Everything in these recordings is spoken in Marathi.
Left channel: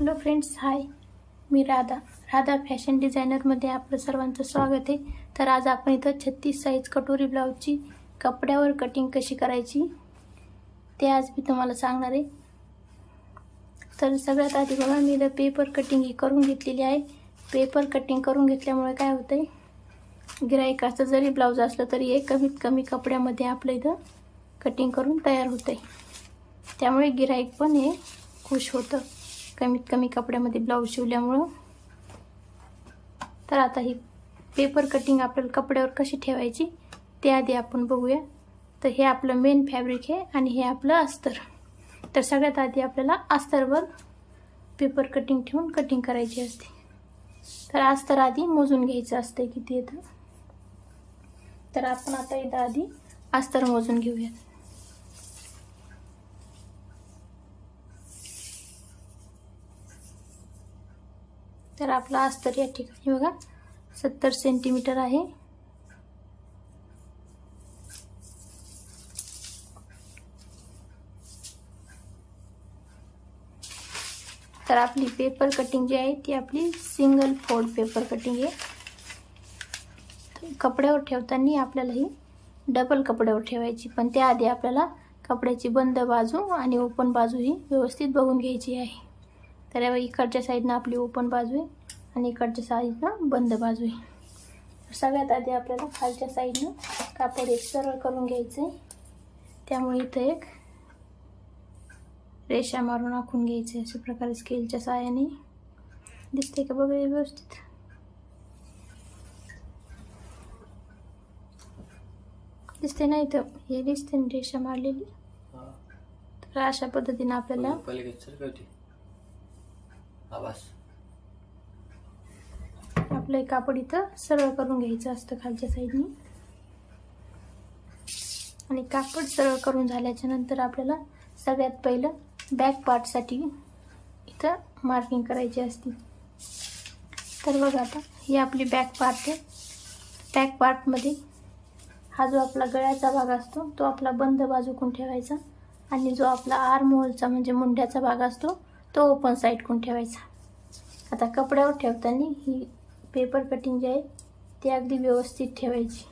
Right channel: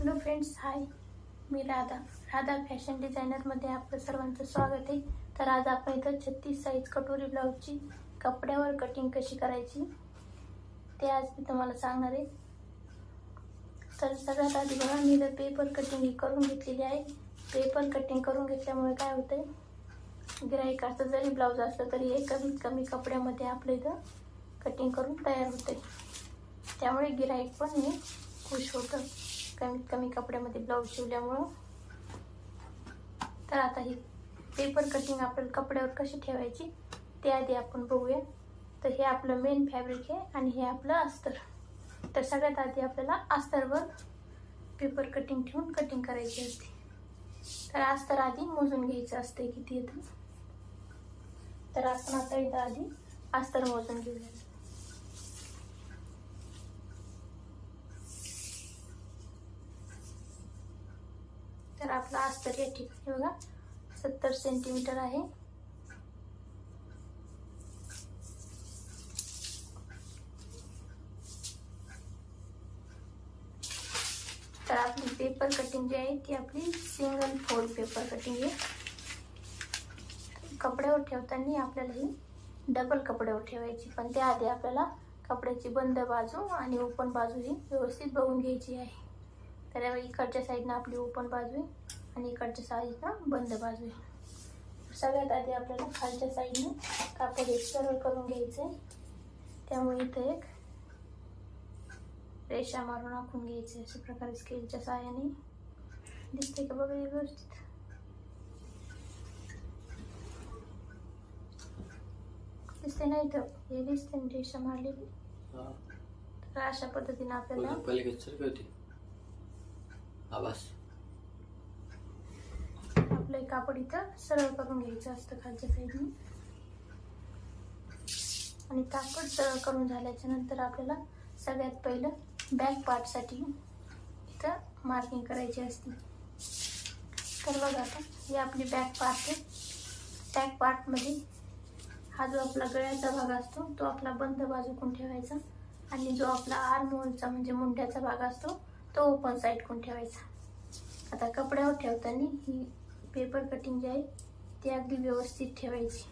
हॅलो फ्रेंड्स, हाय. मी राधा फॅशन डिझायनरमध्ये आपलं सर्वांचं स्वागत आहे. तर आज आपण इथं 36 साईज कटोरी ब्लाऊजची कपड्यावर कटिंग कशी करायची ते आज मी तुम्हाला सांगणार आहे. तर सगळ्यात आधी बघा, मी इथं पेपर कटिंग ही करून घेतलेली आहे. पेपर कटिंग करून घेतल्यामुळे काय होतंय, गिराईकाचं जरी ब्लाऊज असलं तरी कमीत कमी कपड्यामध्ये आपलं इथं कटिंग करून तयार होतंय. त्यामुळे गिराईक पण हे खुश होतं कमीत कमी कपड्यामध्ये ब्लाऊज शिवल्यामुळं. तर आता ही पेपर कटिंग आपल्याला कपड्यावर कशी ठेवायची ते आधी आपण बघूया. तर हे आपलं मेन फॅब्रिक आहे आणि हे आपलं अस्तर. तर सगळ्यात आधी आपल्याला अस्तरवर पेपर कटिंग ठेवून कटिंग करायची असते. तर अस्तर आधी मोजून घ्यायचं असते किती येतं. तर आपण आता इथं आधी अस्तर मोजून घेऊयात. तर आपला अस्तर या ठिकाणी बघा 70 सेंटीमीटर आहे. तर आपली पेपर कटिंग जी आहे ती आपली सिंगल फोल्ड पेपर कटिंग आहे. कपड्यावर ठेवताना आपल्याला ही डबल कपड्यावर ठेवायची, पण त्याआधी आपल्याला कपड्याची बंद बाजू आणि ओपन बाजू ही व्यवस्थित बघून घ्यायची आहे. तर इकडच्या साईडनं आपली ओपन बाजू आहे आणि इकडच्या साईडनं बंद बाजू आहे. सगळ्यात आधी आपल्याला खालच्या साईडनं कापड एक सरळ करून घ्यायचं आहे. त्यामुळे इथं एक रेषा मारून आखून घ्यायचे. अशा प्रकारे स्केलच्या साहाय्याने दिसते का बघा व्यवस्थित. दिसते ना इथं, हे दिसते ना रेषा मारलेली. तर अशा पद्धतीने आपल्याला आपलं कापड इथं सरळ करून घ्यायचं असतं खालच्या साईडनी. आणि कापड सरळ करून झाल्याच्या नंतर आपल्याला सगळ्यात पहिलं बॅक पार्टसाठी इथं मार्किंग करायची असते. तर बघा, आता ही आपली बॅक पार्ट आहे. बॅक पार्टमध्ये हा जो आपला गळ्याचा भाग असतो तो आपला बंद बाजूकडून ठेवायचा आणि जो आपला आर्म होलचा म्हणजे मुंड्याचा भाग असतो तो ओपन साईडकडून ठेवायचा. आता कपड्यावर ठेवताना ही पेपर कटिंग जी आहे ती अगदी व्यवस्थित ठेवायची.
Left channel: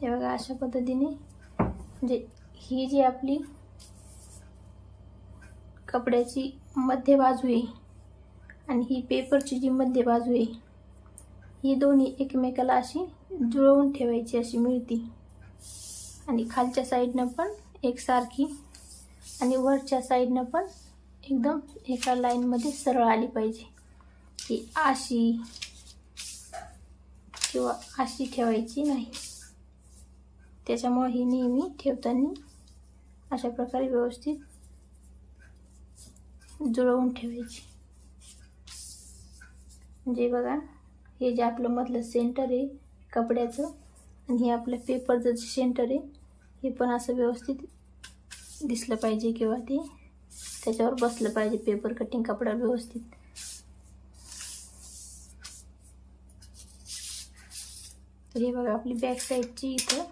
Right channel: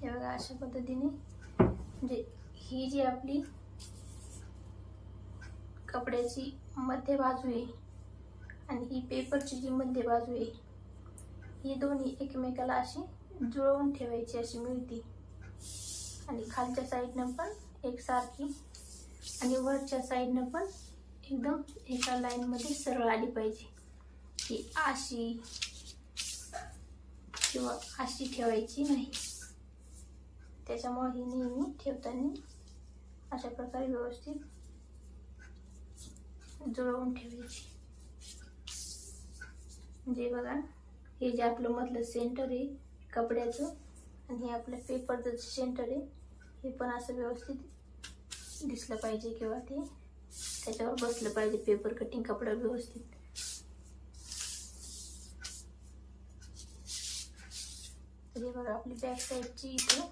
हे बघा, अशा पद्धतीने म्हणजे ही जी आपली कपड्याची मध्य बाजू आहे आणि ही पेपरची जी मध्य बाजू आहे ही दोन्ही एकमेकाला अशी जुळवून ठेवायची, अशी मिळती. आणि खालच्या साईडनं पण एकसारखी आणि वरच्या साईडनं पण एकदम एका लाईनमध्ये सरळ आली पाहिजे. ही अशी किंवा अशी ठेवायची नाही. त्याच्यामुळे ही नेहमी ठेवताना अशा प्रकारे व्यवस्थित जुळवून ठेवायची. म्हणजे बघा, हे जे आपलं मधलं सेंटर आहे कपड्याचं आणि हे आपल्या पेपरचं जे सेंटर आहे हे पण असं व्यवस्थित दिसलं पाहिजे किंवा ते त्याच्यावर बसलं पाहिजे पेपर कटिंग कपड्यावर व्यवस्थित. तर हे बघा, आपली बॅक साईडची इथं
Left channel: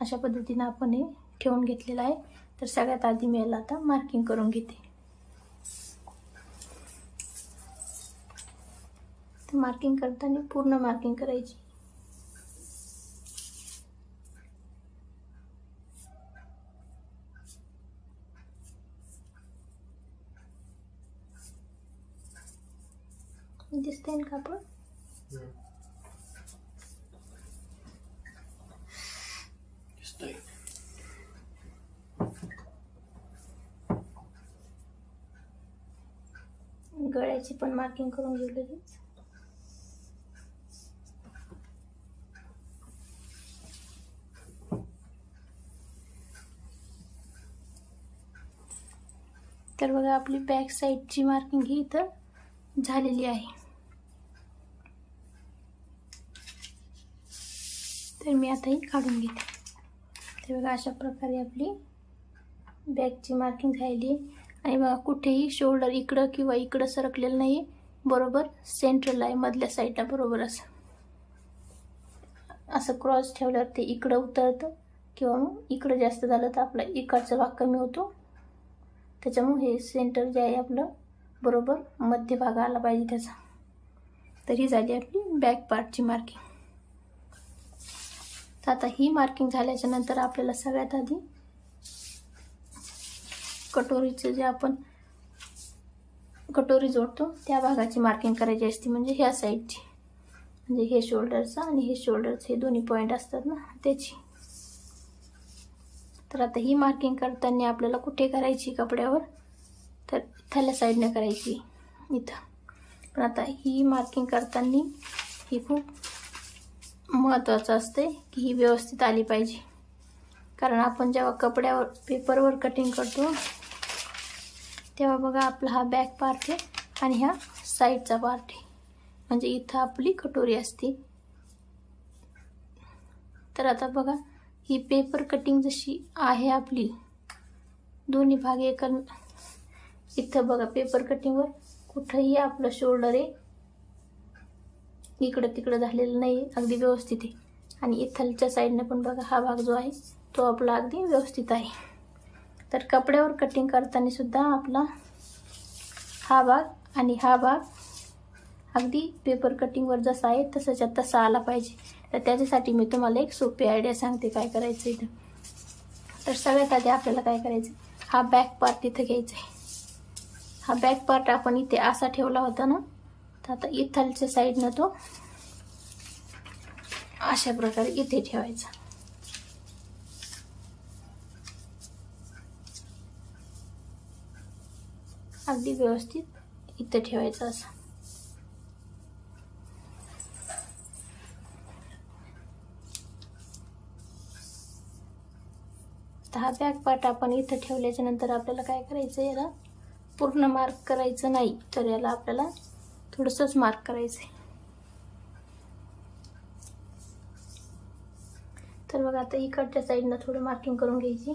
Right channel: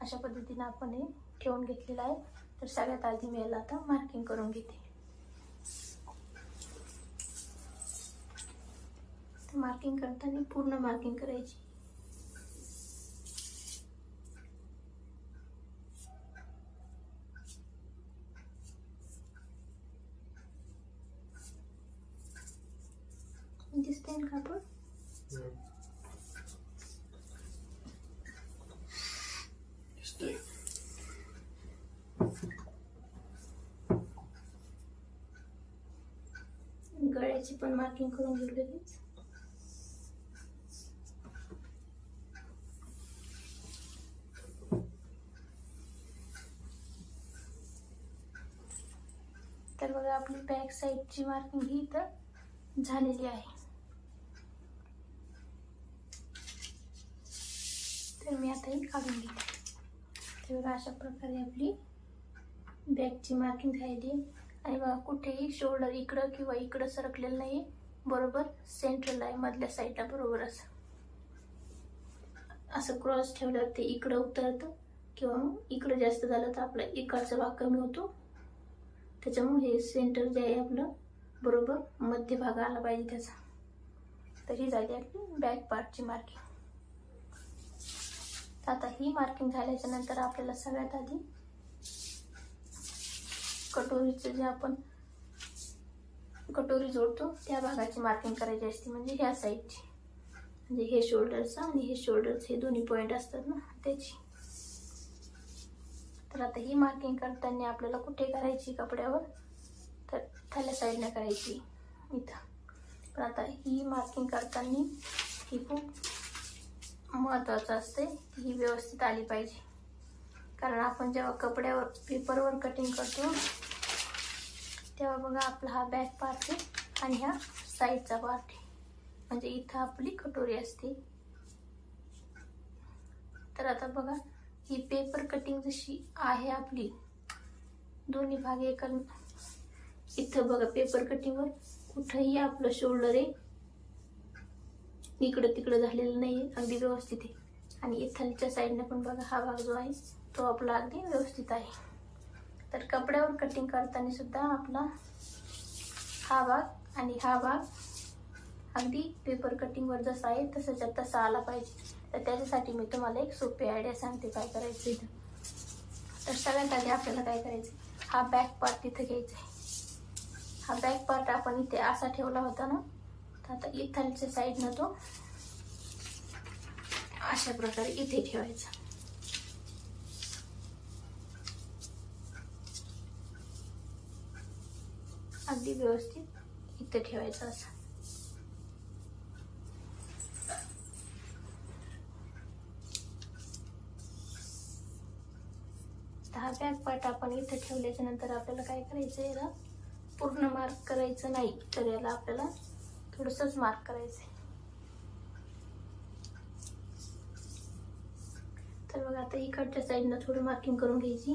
अशा पद्धतीने आपण हे ठेवून घेतलेलं आहे. तर सगळ्यात आधी मी याला आता मार्किंग करून घेते. तर मार्किंग करताना पूर्ण मार्किंग करायची. दिसतंय ना कापड. गळ्याची पण मार्किंग करून घेतलेली. तर बघा, आपली बॅक साईडची मार्किंग ही इथं झालेली आहे. तर मी आता ही काढून घेते. तर बघा, अशा प्रकारे आपली बॅकची मार्किंग झालेली आहे. आणि बघा, कुठेही शोल्डर इकडं किंवा इकडं सरकलेलं नाही, बरोबर सेंट्रल आहे मधल्या साईडला. बरोबर असं क्रॉस ठेवल्यावर ते इकडं उतरतं किंवा मग इकडं जास्त झालं तर आपला इकडचा भाग कमी होतो. त्याच्यामुळे हे सेंटर जे आहे आपलं बरोबर मध्यभाग आला पाहिजे त्याचा. तर ही झाली आपली बॅक पार्टची मार्किंग. तर आता ही मार्किंग झाल्याच्या नंतर आपल्याला सगळ्यात आधी कटोरीचं जे आपण कटोरी जोडतो त्या भागाची मार्किंग करायची असते, म्हणजे ह्या साईडची, म्हणजे हे शोल्डरचा आणि हे शोल्डरचे हे दोन्ही पॉईंट असतात ना त्याची. तर आता ही मार्किंग करताना आपल्याला कुठे करायची कपड्यावर, तर इथल्या साईडने करायची इथं. पण आता ही मार्किंग करताना ही खूप महत्त्वाचं असते की ही व्यवस्थित आली पाहिजे, कारण आपण जेव्हा कपड्यावर पेपरवर कटिंग करतो तेव्हा बघा आपला हा बॅक पार्ट आहे आणि हा साईडचा पार्ट आहे, म्हणजे इथं आपली कटोरी असते. तर आता बघा ही पेपर कटिंग जशी आहे आपली दोन्ही भाग एका, इथं बघा पेपर कटिंगवर कुठंही आपलं शोल्डर आहे इकडं तिकडं झालेलं नाही, अगदी व्यवस्थित आहे. आणि इथलच्या साईडने पण बघा हा भाग जो आहे तो आपला अगदी व्यवस्थित आहे. तर कपड्यावर कटिंग करताना सुद्धा आपला हा भाग आणि हा भाग अगदी पेपर कटिंगवर जसा आहे तसाच्या तसा आला पाहिजे. तर त्याच्यासाठी मी तुम्हाला एक सोपी आयडिया सांगते काय करायचं इथं. तर सगळ्यात आधी आपल्याला काय करायचं, हा बॅक पार्ट इथं घ्यायचा आहे. हा बॅक पार्ट आपण इथे असा ठेवला होता ना, तर आता इथलच्या साईडनं तो अशा प्रकारे इथे ठेवायचा. अगदी व्यवस्थित इथे ठेवायचा असा. हा बॅक पार्ट आपण इथं ठेवल्याच्या नंतर आपल्याला काय करायचं, याला पूर्ण मार्क करायचं नाही, तर याला आपल्याला थोडंसंच मार्क करायचं आहे. तर बघा आता इकडच्या साईडनं थोडं मार्किंग करून घ्यायची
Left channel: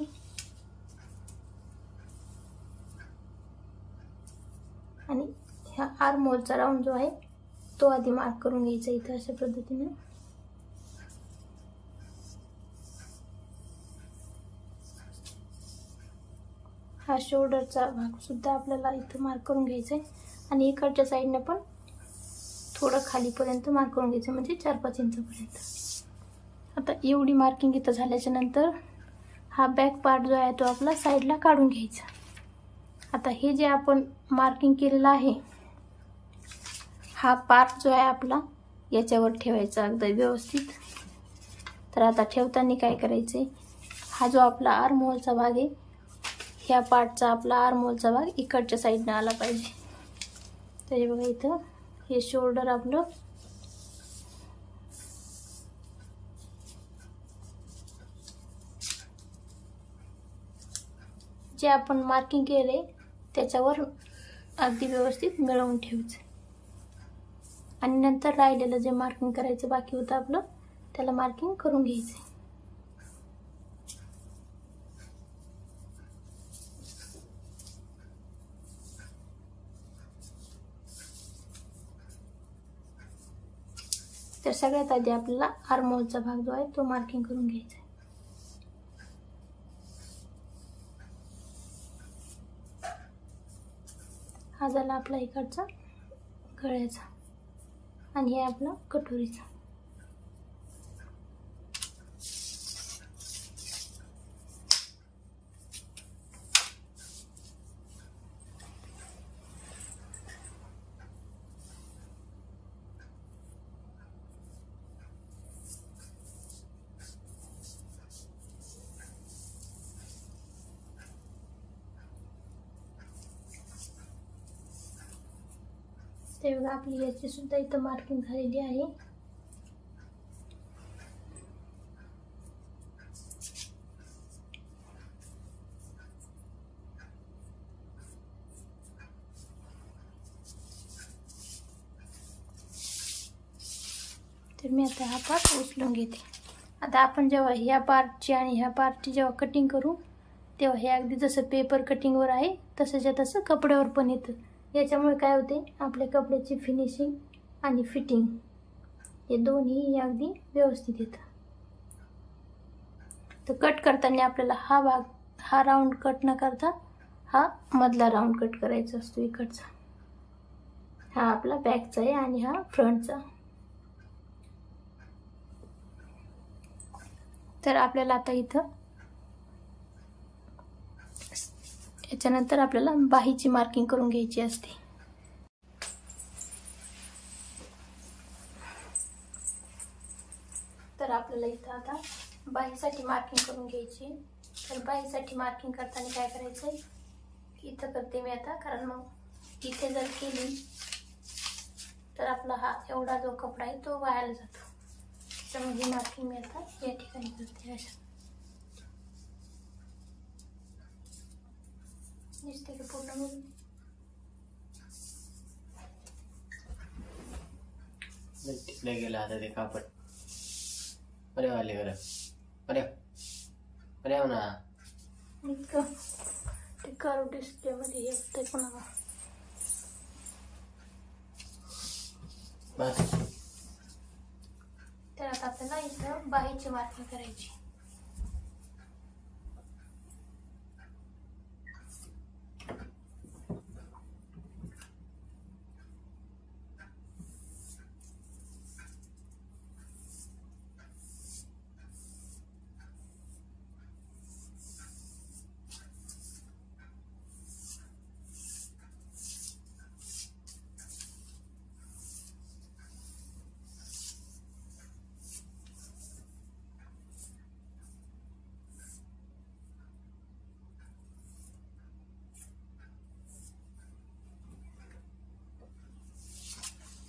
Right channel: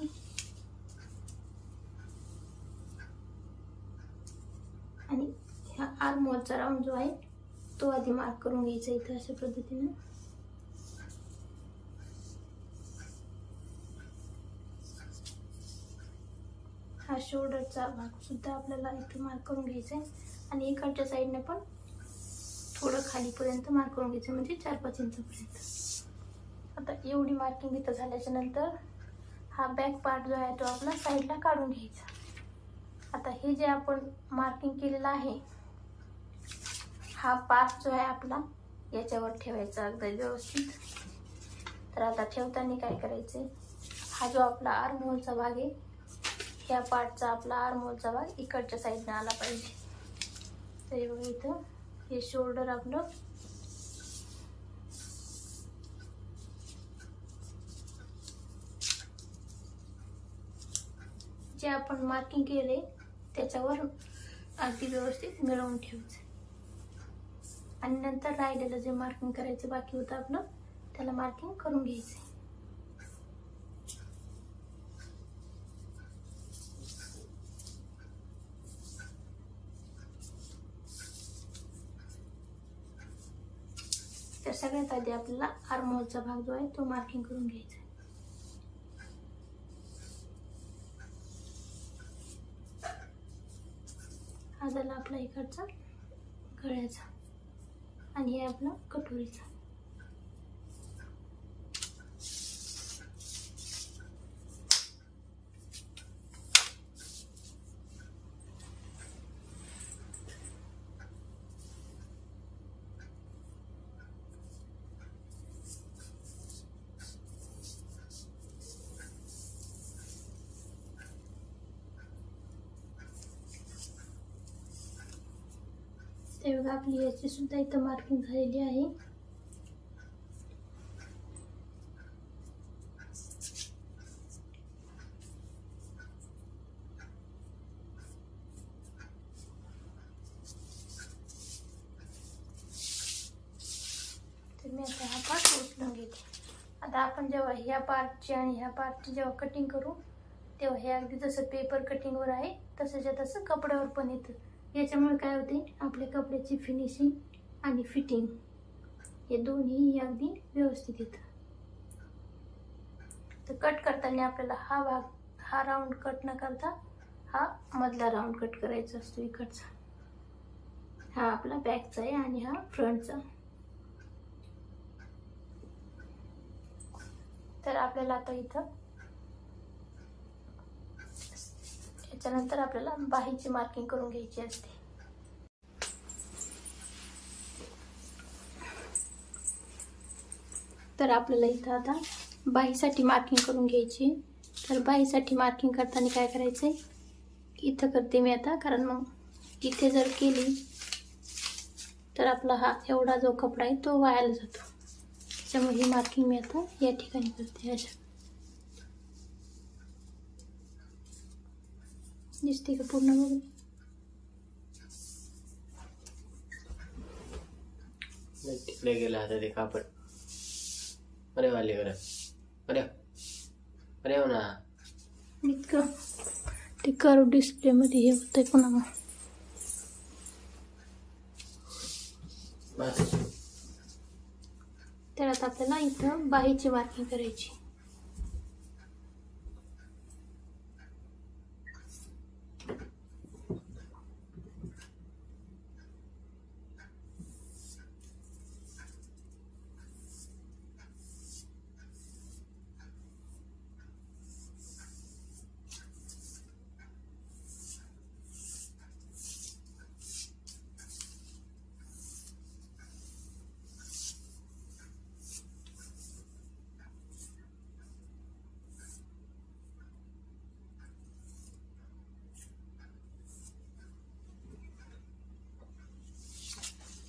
आणि ह्या आर्म होलचा राऊंड जो आहे तो आधी मार्क करून घ्यायचा इथं अशा पद्धतीने. हा शोल्डरचा भाग सुद्धा आपल्याला इथं मार्क करून घ्यायचा आहे आणि इकडच्या साईडने पण थोडं खालीपर्यंत मार्क करून घ्यायचं, म्हणजे 4-5 इंचापर्यंत. आता एवढी मार्किंग इथं झाल्याच्या नंतर हा बॅक पार्ट जो आहे तो आपला साईडला काढून घ्यायचा. आता हे जे आपण मार्किंग केलेलं आहे हा पार्ट जो आहे आपला याच्यावर ठेवायचा अगदी व्यवस्थित. तर आता ठेवताना काय करायचे, हा जो आपला आर्म होलचा भाग आहे ह्या पार्टचा आपला आर्म होलचा भाग इकडच्या साईडनं आला पाहिजे. तर हे बघा इथं हे शोल्डर आपलं जे आपण मार्किंग केले त्याच्यावर अगदी व्यवस्थित मिळवून ठेवायचं आणि नंतर राहिलेलं जे मार्किंग करायचं बाकी होतं आपलं त्याला मार्किंग करून घ्यायचं. तर सगळ्यात आधी आपल्याला आर्म होलचा भाग जो आहे तो मार्किंग करून घ्यायचा. हा झाला आपला इकडचा गळ्याचा आणि हे आपला कटोरीचा. ते बघा आपली याची सुद्धा इथं मार्किंग झालेली आहे. तर मी आता हा पार्ट उचलून घेते. आता आपण जेव्हा ह्या पार्टची आणि ह्या पार्टची जेव्हा कटिंग करू तेव्हा हे अगदी जसं पेपर कटिंगवर आहे तसंच्या तसं कपड्यावर पण येतं. याच्यामुळे काय होते, आपल्या कपड्याची फिनिशिंग आणि फिटिंग हे दोन्ही अगदी व्यवस्थित येतं. तर कट करताना आपल्याला हा भाग हा राऊंड कट न करता हा मधला राऊंड कट करायचा असतो इकडचा. हा आपला बॅकचा आहे आणि हा फ्रंटचा. तर आपल्याला आता इथं याच्यानंतर आपल्याला बाहीची मार्किंग करून घ्यायची असते. तर आपल्याला इथं आता बाहीसाठी मार्किंग करून घ्यायची. तर बाहीसाठी मार्किंग करताना काय करायचंय, इथं करते मी आता, कारण मग इथे जर केली तर आपला हा एवढा जो कपडा आहे तो वायाला जातो. त्यामुळे ही मार्किंग मी आता या ठिकाणी करते. अशा दिसते का पूर्ण म्हणून. तिकडे गेला आता ते कापड. अरे वाले घर अरे अरे हो ना, इतकं ते कर्व डिस्प्ले मध्ये हे होतंय पुन्हा. बस. तर आता आपल्याला इथं बाहीची मार्किंग करायची.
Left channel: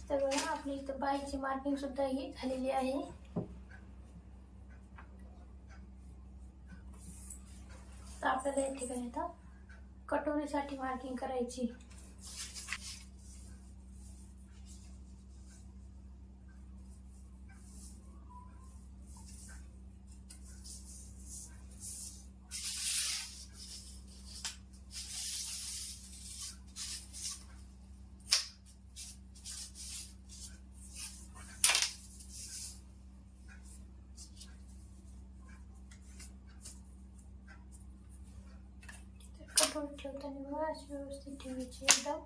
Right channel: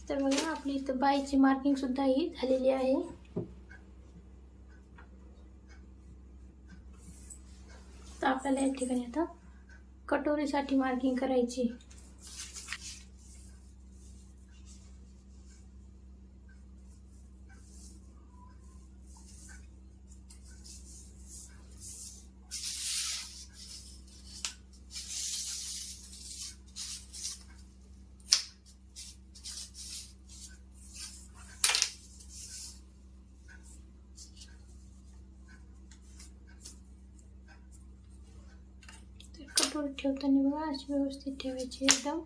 तर बघा आपली इथं बाहीची मार्किंग सुद्धा ही झालेली आहे. तर आपल्याला या ठिकाणी आता कटोरीसाठी मार्किंग करायची. कटोरी ठेवताना बघा अशी व्यवस्थित ठेवायची एकदम.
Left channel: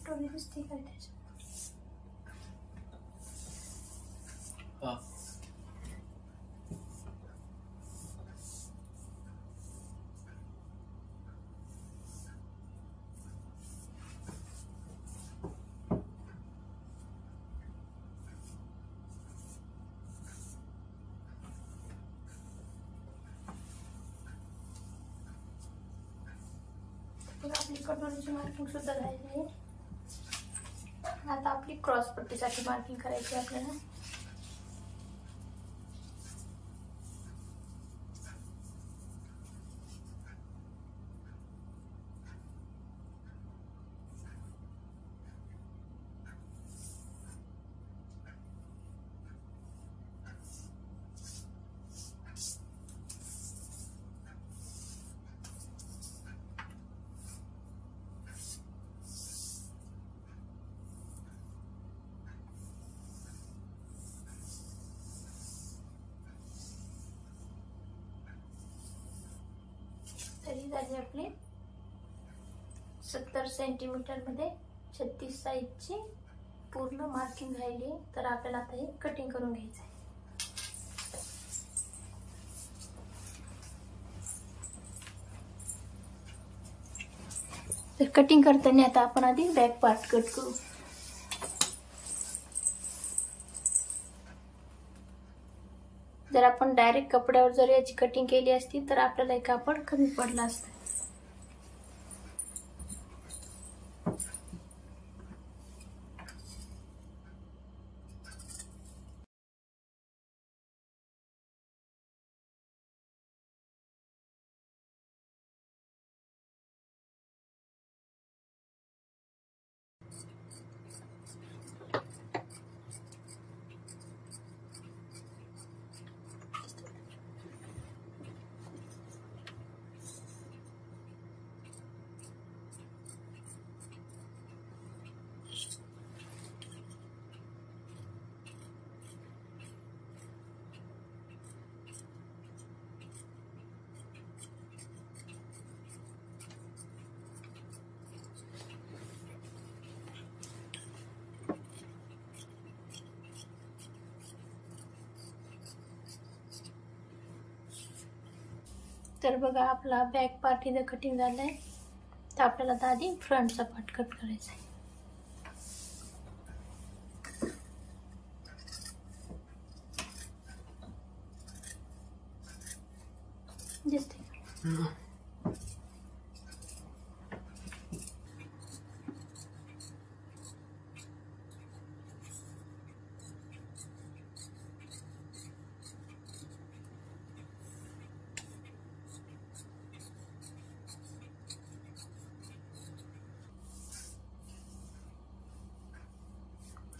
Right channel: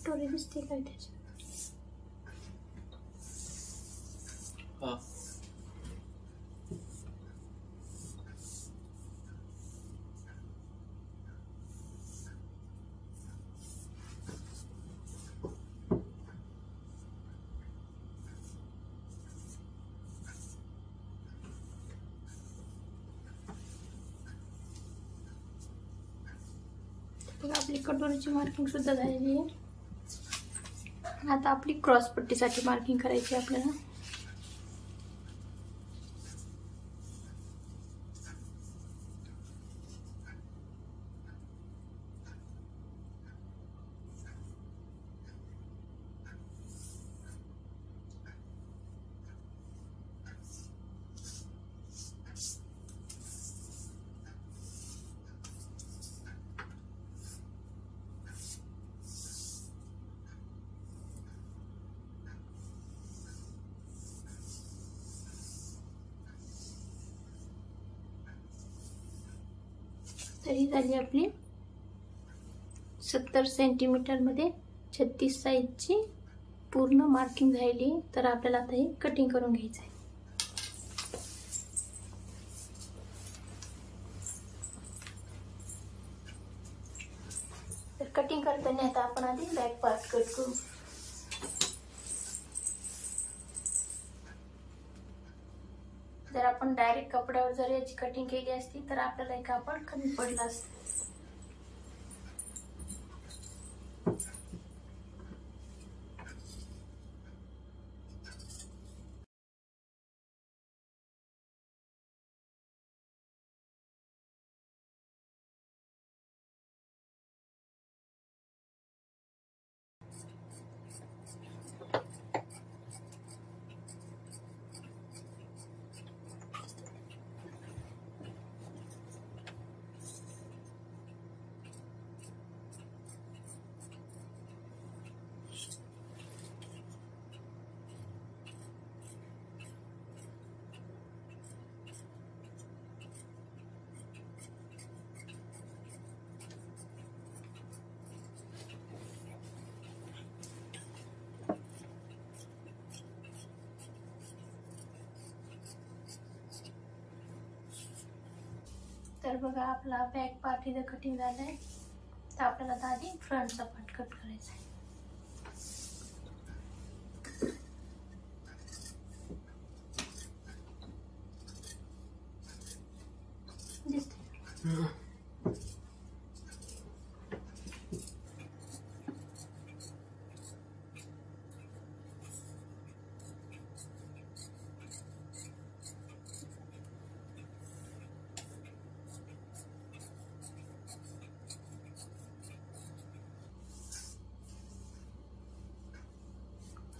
कटोरी दिसते काय त्याच्यात. हा आपली कटोरीची मार्किंग सुद्धा झालेली आहे. आता आपली क्रॉस पट्टीसाठी मार्किंग करायची आपल्याला. तर ही झाली आपली 70 सेंटीमीटर मध्ये 36 साईजची पूर्ण मार्किंग झाली. तर आपल्याला आता हे कटिंग करून घ्यायचं आहे. तर कटिंग करताना आता आपण आधी बॅक पार्ट कट करू. जर आपण डायरेक्ट कपड्यावर जर याची कटिंग केली असती तर आपल्याला एक कापड कमी पडला असतं. तर बघा आपला बॅक पार्ट इथं कटिंग झालं आहे. तर आपल्याला आता आधी फ्रंटचा पार्ट कट करायचा आहे. दिसते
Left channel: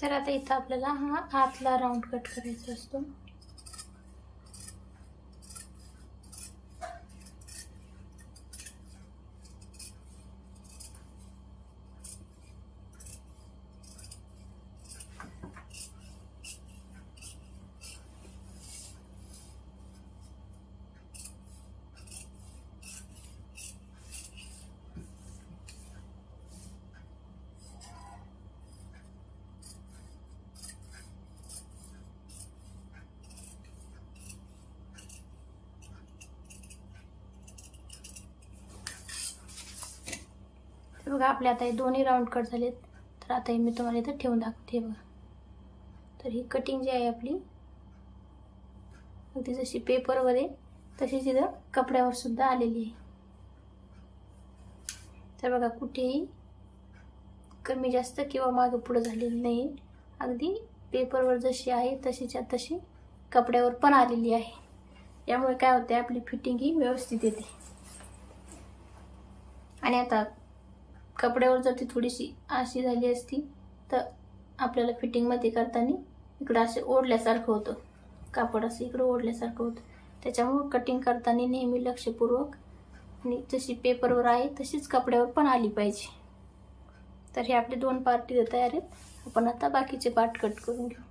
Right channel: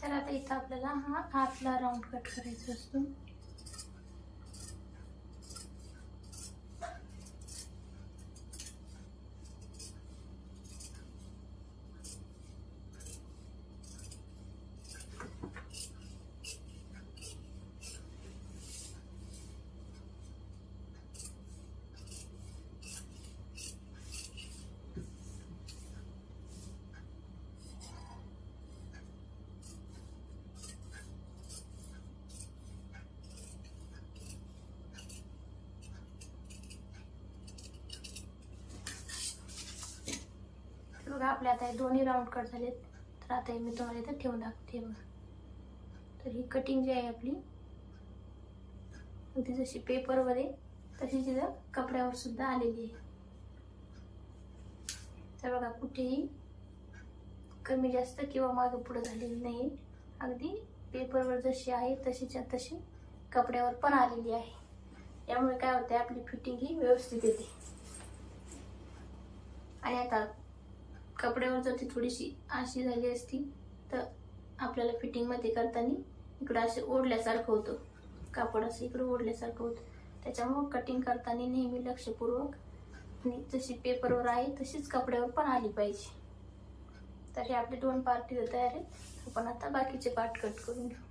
तर आता इथं आपल्याला हा आतला राऊंड कट करायचा असतो. बघा आपले आता हे दोन्ही राऊंड कट झालेत. तर आता हे मी तुम्हाला इथं ठेवून दाखवते बघा. तर ही कटिंग जी आहे आपली अगदी जशी पेपरवर आहे तशीच इथं कपड्यावर सुद्धा आलेली आहे. तर बघा कुठेही कमी जास्त किंवा मागे पुढे झालेली नाही. अगदी पेपरवर जशी आहे तशीच्या तशी कपड्यावर पण आलेली आहे. यामुळे काय होते आपली फिटिंग ही व्यवस्थित येते. आणि आता कपड्यावर जर ती थोडीशी अशी झाली असती तर आपल्याला फिटिंगमध्ये करताना इकडं असं ओढल्यासारखं होतं. कापड असं इकडं ओढल्यासारखं होतं. त्याच्यामुळं कटिंग करताना नेहमी लक्षपूर्वक आणि जशी पेपरवर आहे तशीच कपड्यावर पण आली पाहिजे. तर हे आपले दोन पार्ट तयार आहेत. आपण आता बाकीचे पार्ट कट करून घेऊ.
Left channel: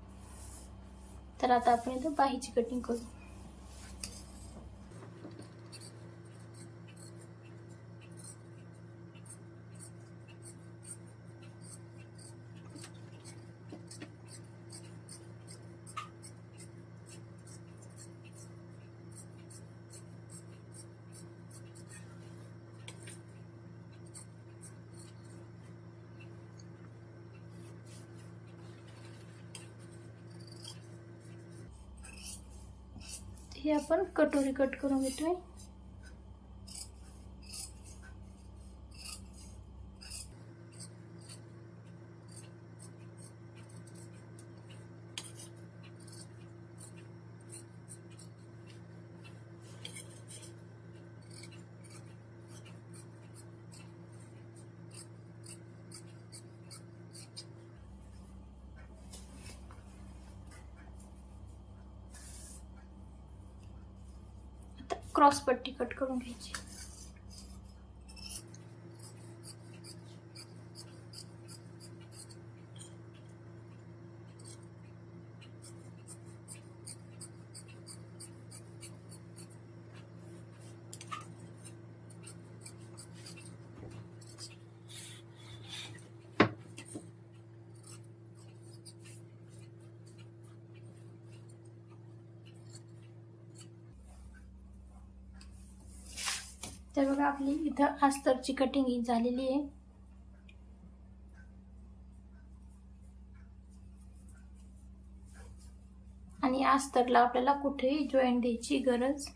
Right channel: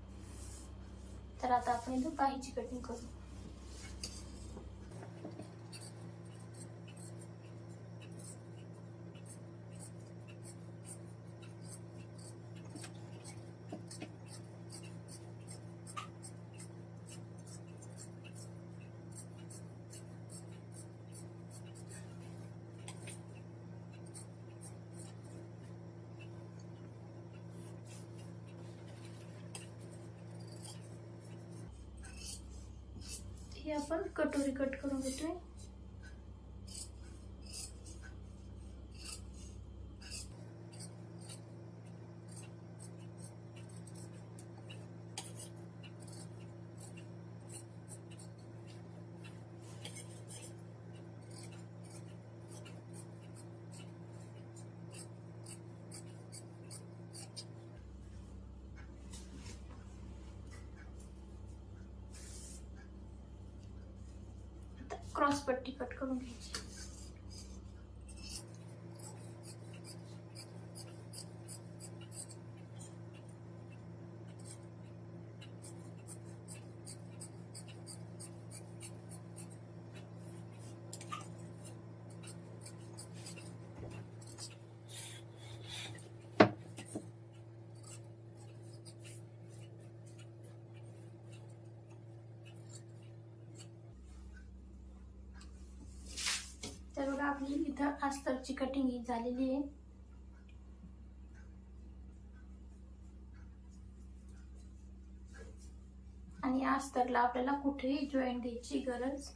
तर आता आपण इथं बाहीची कटिंग करू. हे आपण कटोरी कट करून घेतोय. क्रॉस पट्टी कट करून घ्यायची. तर बघा आपली इथं अस्तरची कटिंग ही झालेली आहे. आणि अस्तरला आपल्याला कुठेही जॉईंट द्यायची गरज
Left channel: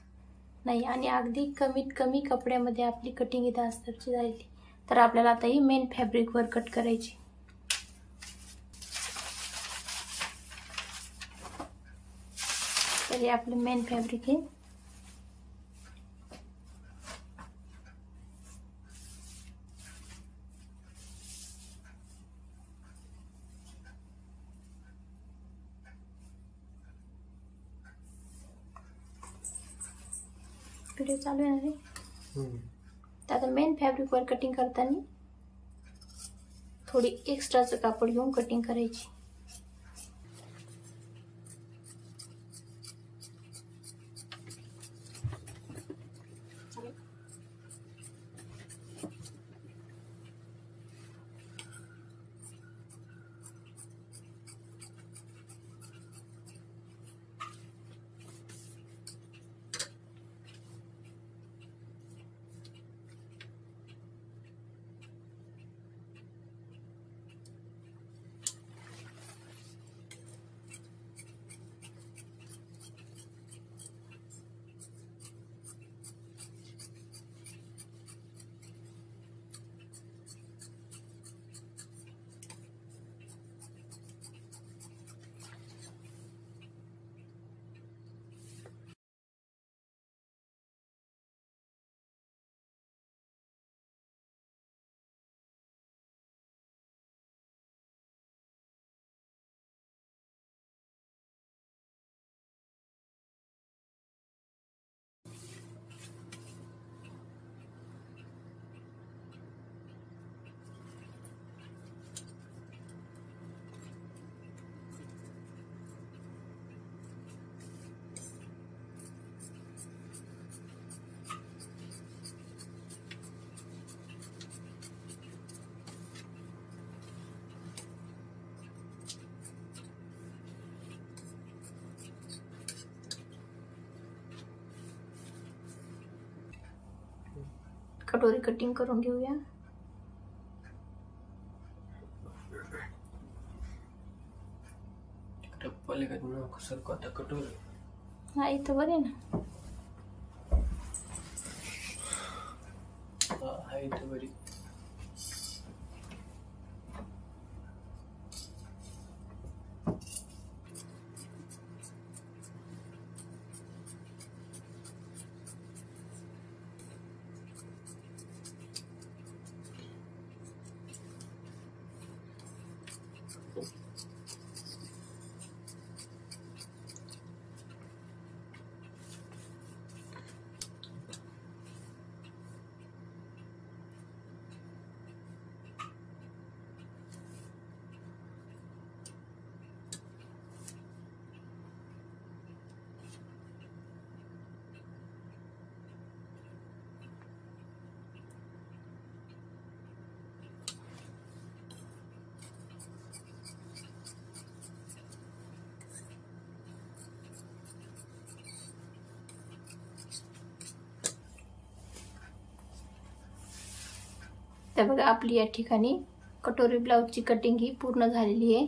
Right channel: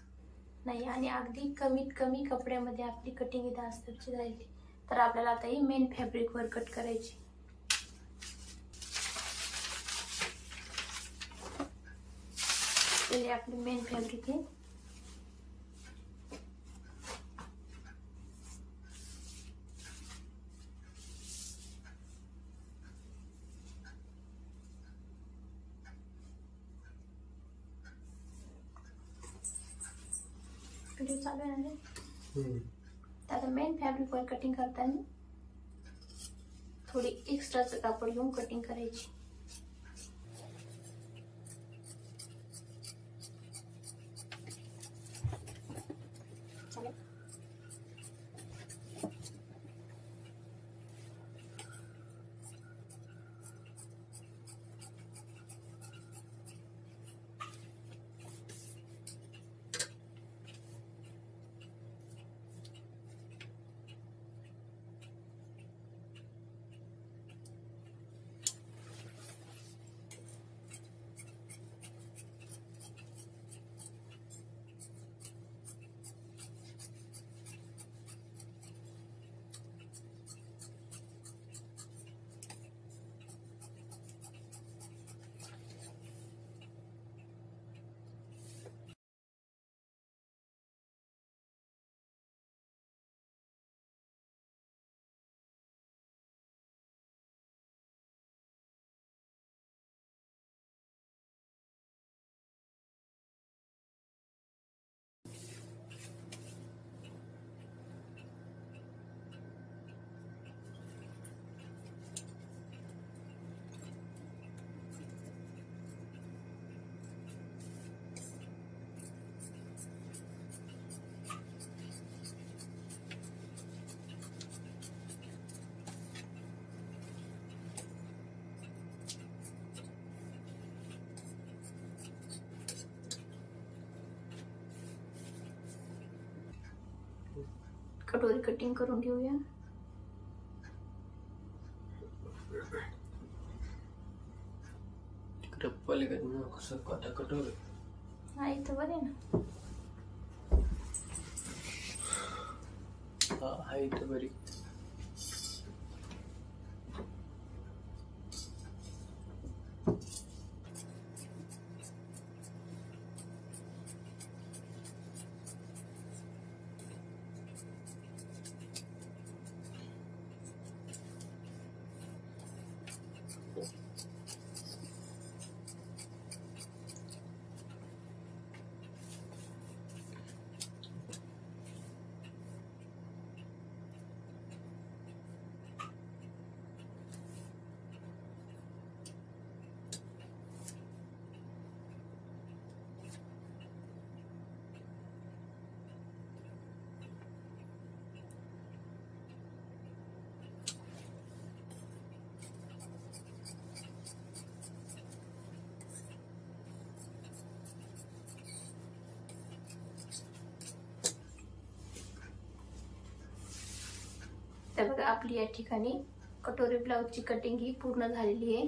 नाही. आणि अगदी कमीत कमी कपड्यामध्ये आपली कटिंग इथं अस्तरची झाली. तर आपल्याला आता ही मेन फॅब्रिक वर कट करायची. तर हे आपलं मेन फॅब्रिक आहे. व्हिडिओ चालू आहे. तर आता मेन फॅब्रिक वर कटिंग करताना थोडी एक्स्ट्राचं कापड घेऊन कटिंग करायची. कटोरी कटिंग करून घेऊया. पलीकडे कसं कटा कटोरी हा इथं बरे ना. हा इथं बरी. तर बघा आपली या ठिकाणी कटोरी ब्लाउजची कटिंग ही पूर्ण झालेली आहे.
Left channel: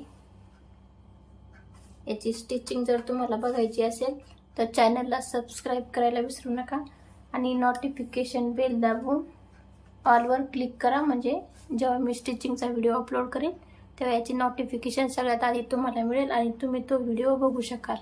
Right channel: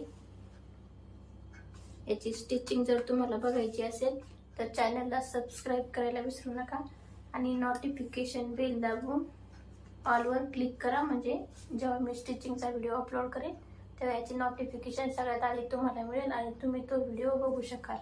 याची स्टिचिंग जर तुम्हाला बघायची असेल तर चॅनलला सबस्क्राईब करायला विसरू नका आणि नोटिफिकेशन बेल दाबून ऑलवर क्लिक करा, म्हणजे जेव्हा मी स्टिचिंगचा व्हिडिओ अपलोड करेन तेव्हा याची नोटिफिकेशन सगळ्यात आधी तुम्हाला मिळेल आणि तुम्ही तो व्हिडिओ बघू शकाल.